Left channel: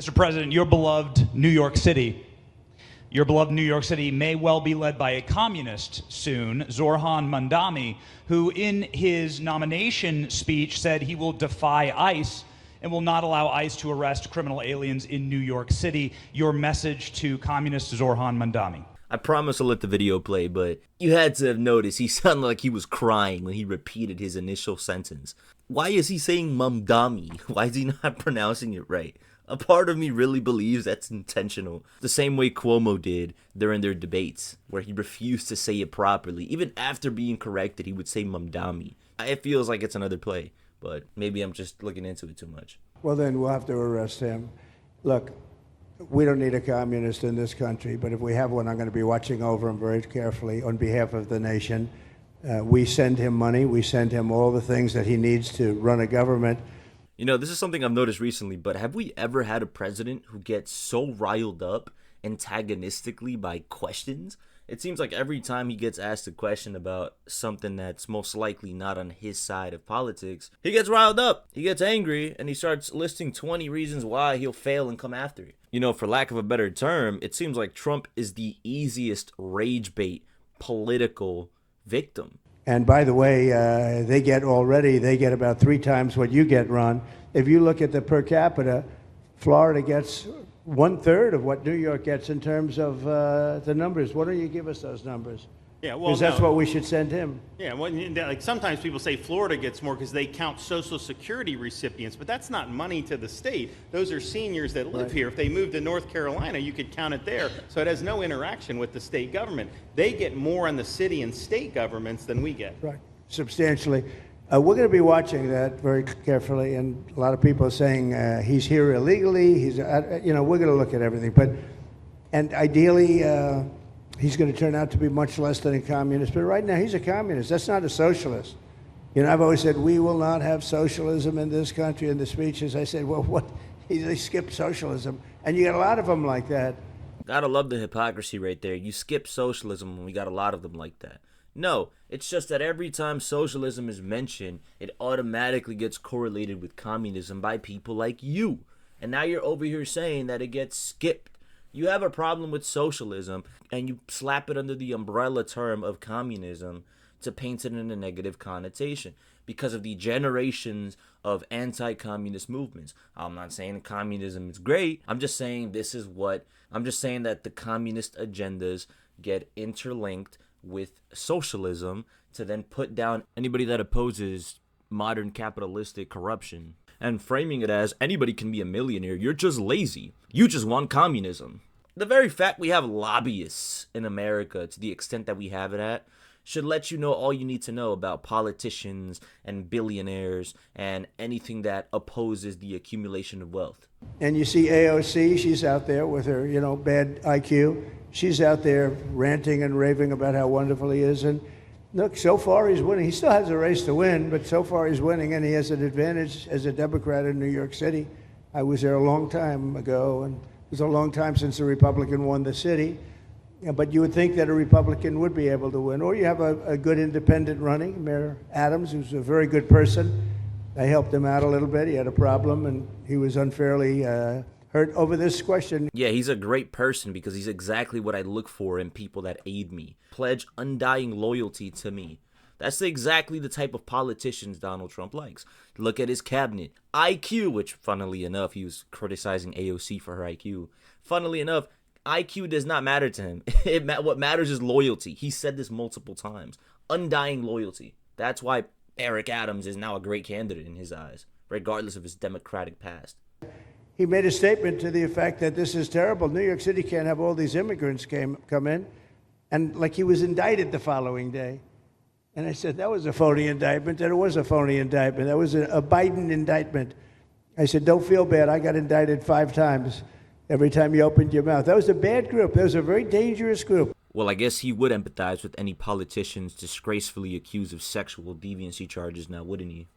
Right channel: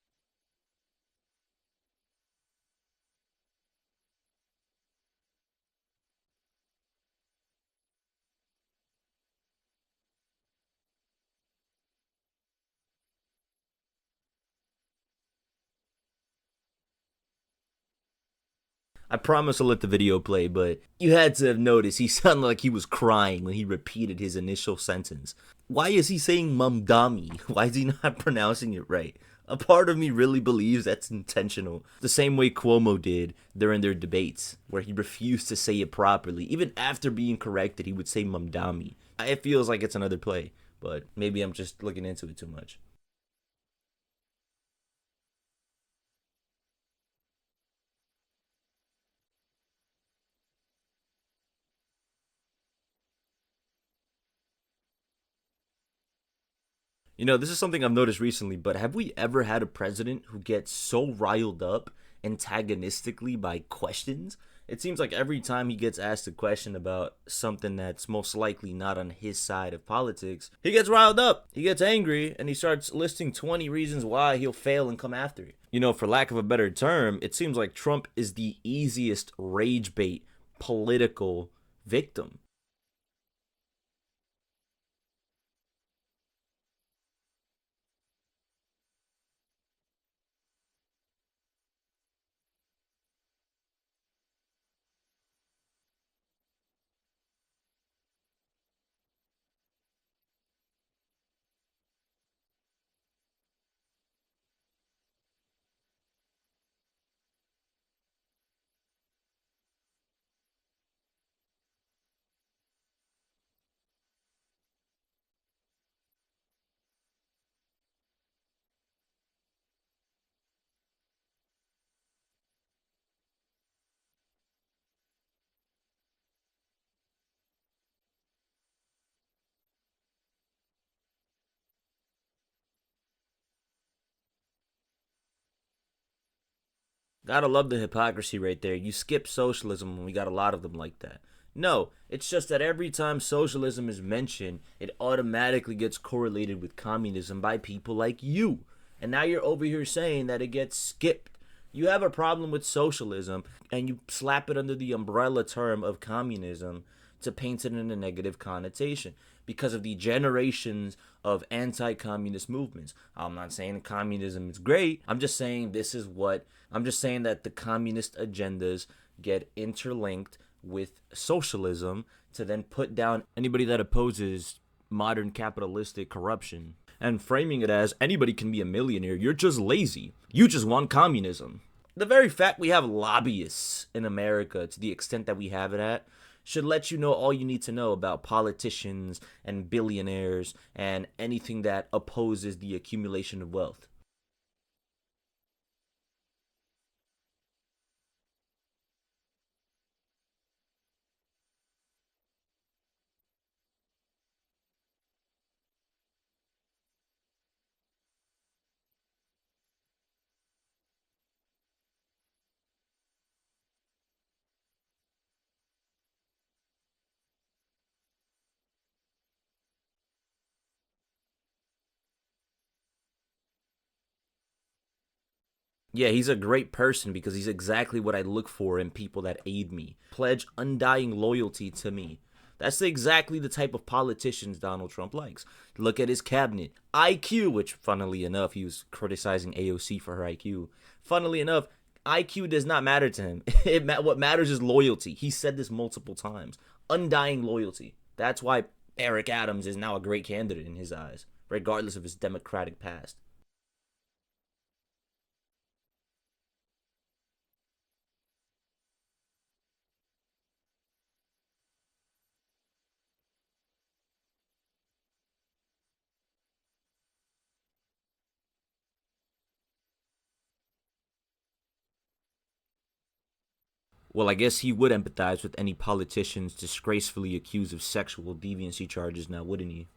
Mr. President, your beloved New York City may well be led by a communist soon, Zohran Mamdani, who in his nomination speech said he will defy ICE and will not allow ICE to arrest criminal aliens in New York City. Your message to communist Zohran Mamdani. I promise I'll let the video play, but you had to have noticed he sounded like he was crying when he repeated his initial sentence. Why is he saying Mamdani? Why is he not pronouncing it right? A part of me really believes that's intentional. The same way Cuomo did during their debates, where he refused to say it properly. Even after being corrected, he would say Mamdani. It feels like it's another play, but maybe I'm just looking into it too much. Well, then we'll have to arrest him. Look, we don't need a communist in this country, but if we have one, I'm going to be watching over him very carefully on behalf of the nation. We send him money. We send him all the things that he needs to run a government. You know, this is something I've noticed recently, but have we ever had a president who gets so riled up antagonistically by questions? It seems like every time he gets asked a question about something that's most likely not on his side of politics, he gets riled up, he gets angry, and he starts listing 20 reasons why he'll fail and come after it. You know, for lack of a better term, it seems like Trump is the easiest rage bait political victim. And by the way, they get about 3 times what you get, Ron. If you look at the per capita, Florida gets 1/3 of what New York gets in terms of the numbers. Why don't you give us those numbers? Yeah, well, because that's what we should send him. Yeah, well, like sometimes people say Florida gets more because they count Social Security recipients, but that's not money to the state. Those are seniors that live here. If they moved to North Carolina, you could count it there. So it has no interaction with the state government. They get more on the city and state governments than we get. Right, substantially. We're going to be watching that very carefully, and a lot of people are saying he's here illegally. We're going to look at everything, and ideally. He's going to turn out to be much less than a communist. But right now, he's a communist. That's not a socialist. You know, I've always said, we will not have socialism in this country. In the speeches, I said, well, what? They skipped socialism. And you got a lot of them like that. Gotta love the hypocrisy right there. You skip socialism, and we got a lot of them like that. No, it's just that every time socialism is mentioned, it automatically gets correlated with communism by people like you. And now you're over here saying that it gets skipped. You have a problem with socialism, and you slap it under the umbrella term of communism to paint it in a negative connotation because of the generations of anti-communist movements. I'm not saying communism is great. I'm just saying that the communist agendas get interlinked with socialism to then put down anybody that opposes modern capitalistic corruption. And framing it as anybody can be a millionaire, you're just lazy. You just want communism. The very fact we have lobbyists in America to the extent that we have it at should let you know all you need to know about politicians and billionaires and anything that opposes the accumulation of wealth. And you see AOC, she's out there with her, bad IQ. She's out there ranting and raving about how wonderful he is. And look, so far he's winning. He still has a race to win, but so far he's winning, and he has an advantage as a Democrat in New York City. I was there a long time ago, and it was a long time since a Republican won the city. But you would think that a Republican would be able to win. Or you have a good independent running, Mayor Adams, who's a very good person. I helped him out a little bit. He had a problem, and he was unfairly hurt over this question. Yeah, he's a great person because he's exactly what I look for in people that aid me. Pledge undying loyalty to me. That's exactly the type of politicians Donald Trump likes. Look at his cabinet. IQ, which funnily enough, he was criticizing AOC for her IQ. Funnily enough, IQ does not matter to him. What matters is loyalty. He said this multiple times. Undying loyalty. That's why Eric Adams is now a great candidate in his eyes, regardless of his Democratic past. He made a statement to the effect that this is terrible. New York City can't have all these immigrants come in. And like he was indicted the following day. And I said, that was a phony indictment. And it was a phony indictment. That was a Biden indictment. I said, don't feel bad. I got indicted 5 times every time you opened your mouth. That was a bad group. That was a very dangerous group. Well, I guess he would empathize with any politicians disgracefully accused of sexual deviancy charges now, wouldn't he?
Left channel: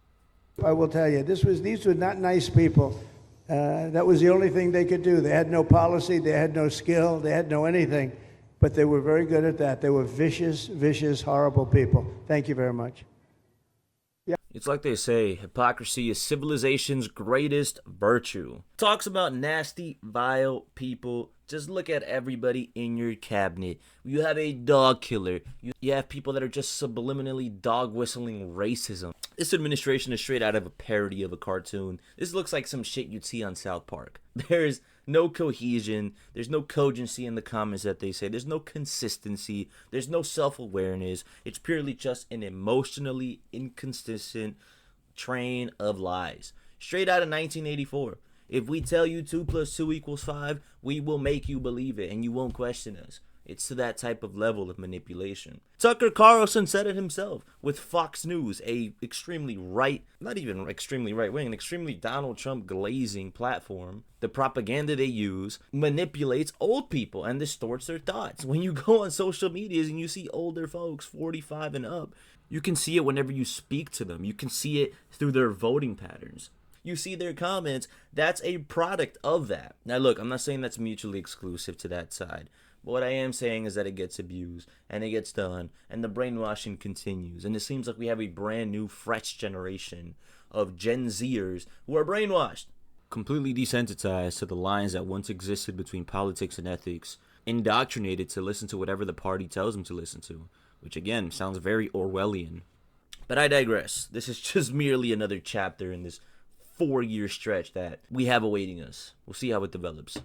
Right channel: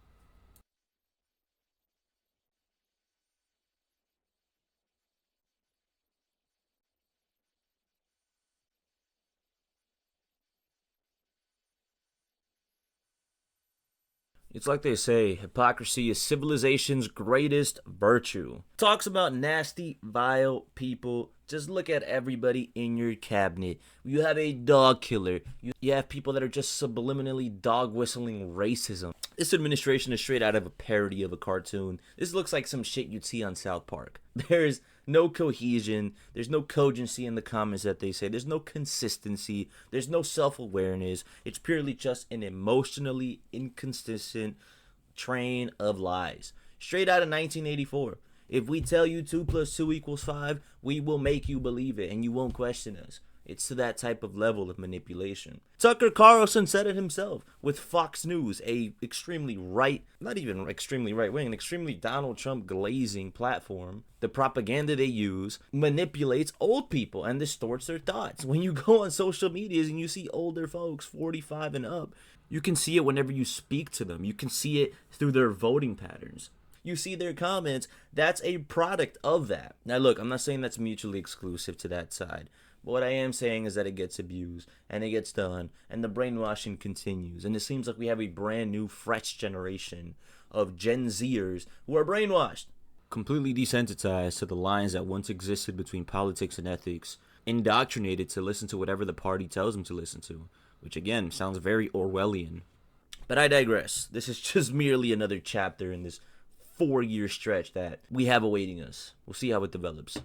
I will tell you, these were not nice people. That was the only thing they could do. They had no policy. They had no skill. They had no anything. But they were very good at that. They were vicious, horrible people. Thank you very much. It's like they say, hypocrisy is civilization's greatest virtue. Talks about nasty, vile people. Just look at everybody in your cabinet. You have a dog killer. You have people that are just subliminally dog whistling racism. This administration is straight out of a parody of a cartoon. This looks like some shit you'd see on South Park. There's no cohesion. There's no cogency in the comments that they say. There's no consistency. There's no self-awareness. It's purely just an emotionally inconsistent train of lies. Straight out of 1984. If we tell you 2 + 2 = 5, we will make you believe it and you won't question us. It's to that type of level of manipulation. Tucker Carlson said it himself with Fox News, a extremely right, not even extremely right-wing, an extremely Donald Trump glazing platform. The propaganda they use manipulates old people and distorts their thoughts. When you go on social medias and you see older folks, 45 and up, you can see it whenever you speak to them. You can see it through their voting patterns. You see their comments. That's a product of that. Now look, I'm not saying that's mutually exclusive to that side. But what I am saying is that it gets abused, and it gets done, and the brainwashing continues. And it seems like we have a brand new, fresh generation of Gen Zers who are brainwashed, completely desensitized to the lines that once existed between politics and ethics, indoctrinated to listen to whatever the party tells them to listen to, which again sounds very Orwellian. But I digress. This is just merely another chapter in this 4-year stretch that we have awaiting us. We'll see how it develops.